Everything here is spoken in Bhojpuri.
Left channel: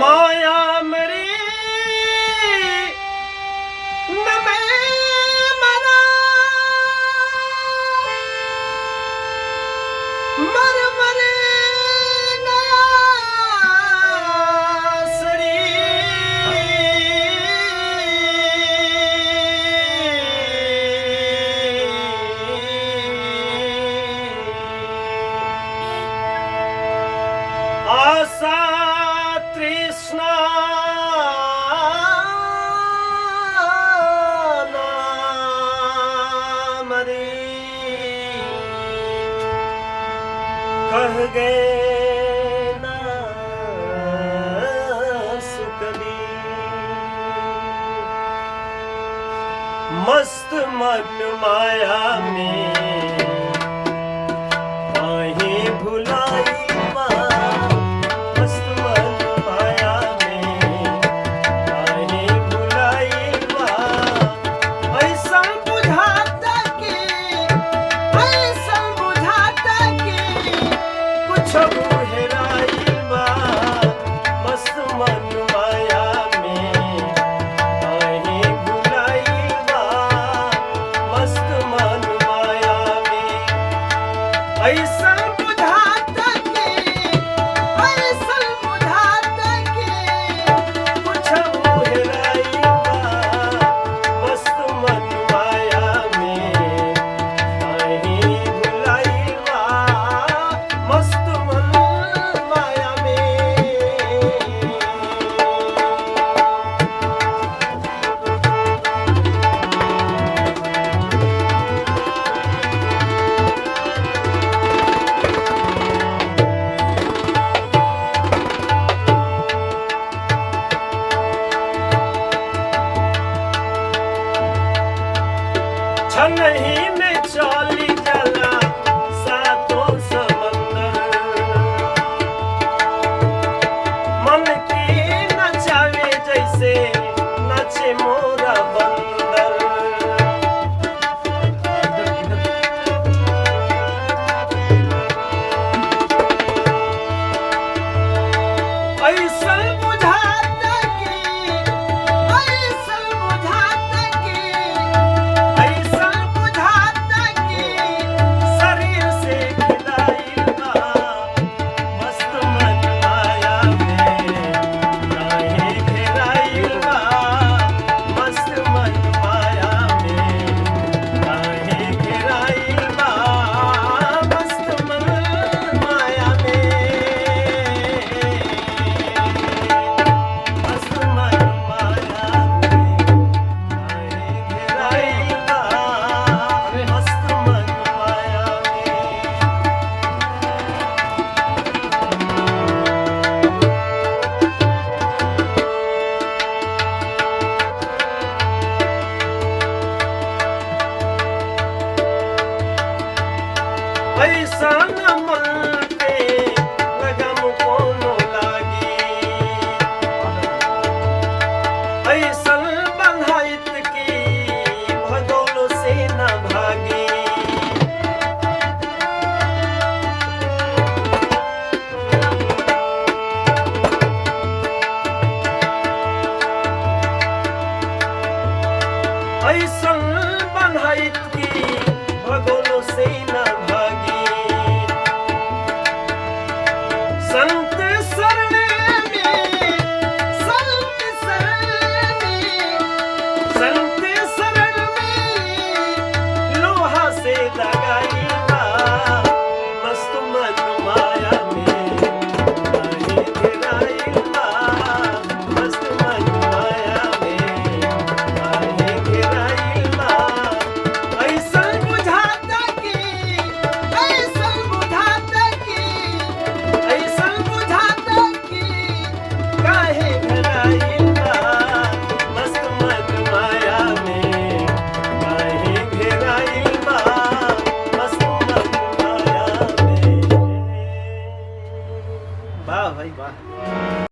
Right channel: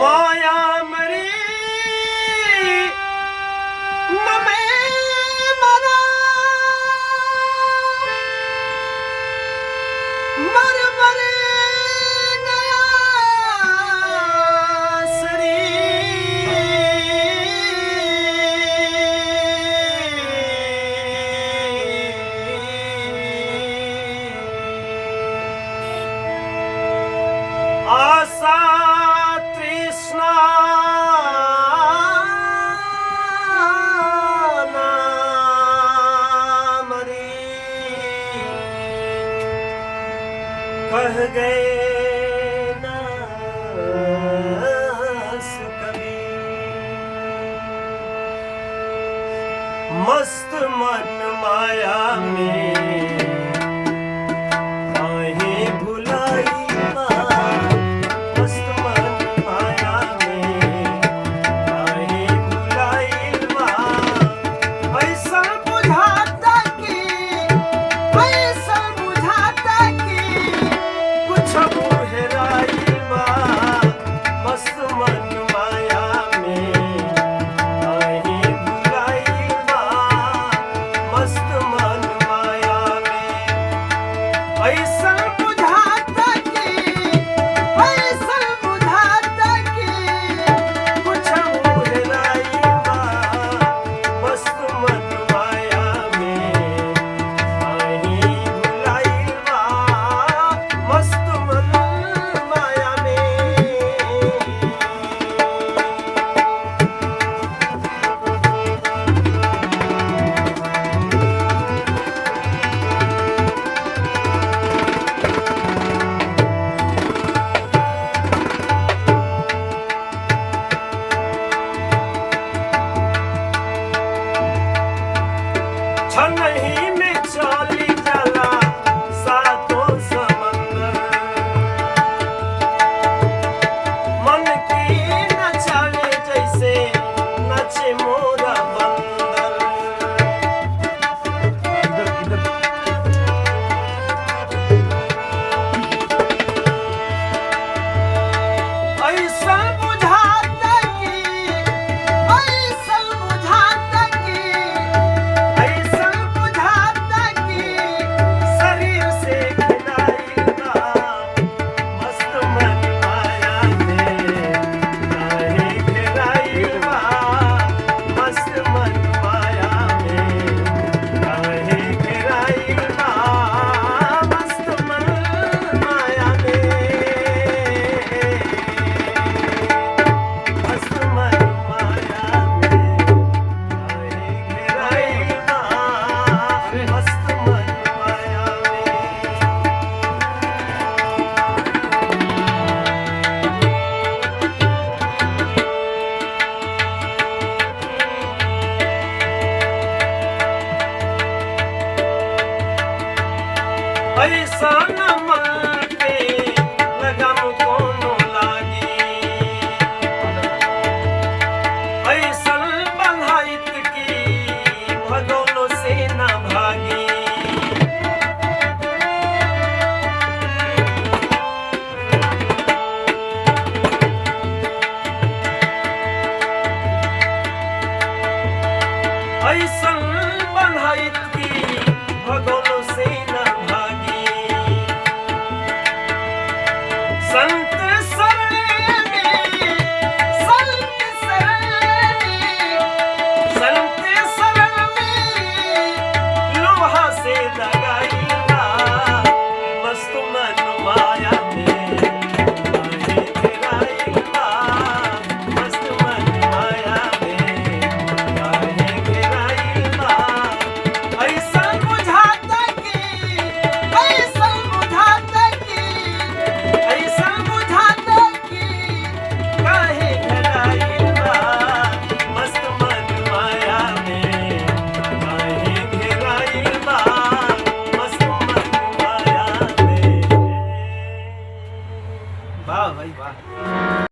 माया मरी नमे मरा मर मरे सड़ी आशा कृष्ण नाम रे कह गए ना सुकवी मस्त मन माया में काहे भुलाई नहीं में चली चला सातों समंदर मन की नचावे जैसे नचे मोरा बंदर ऐसा बुझाता कि ऐसा मन पे लगम कोनो लागी ऐसा बंधाइत की भगोलो से न भागी ऐसा बंधाइत की भगोलो से न संत शरण में लोहा से लगाई मस्त मन माया में मस्त मन माया में काहे गिराई वाह भाई वाह।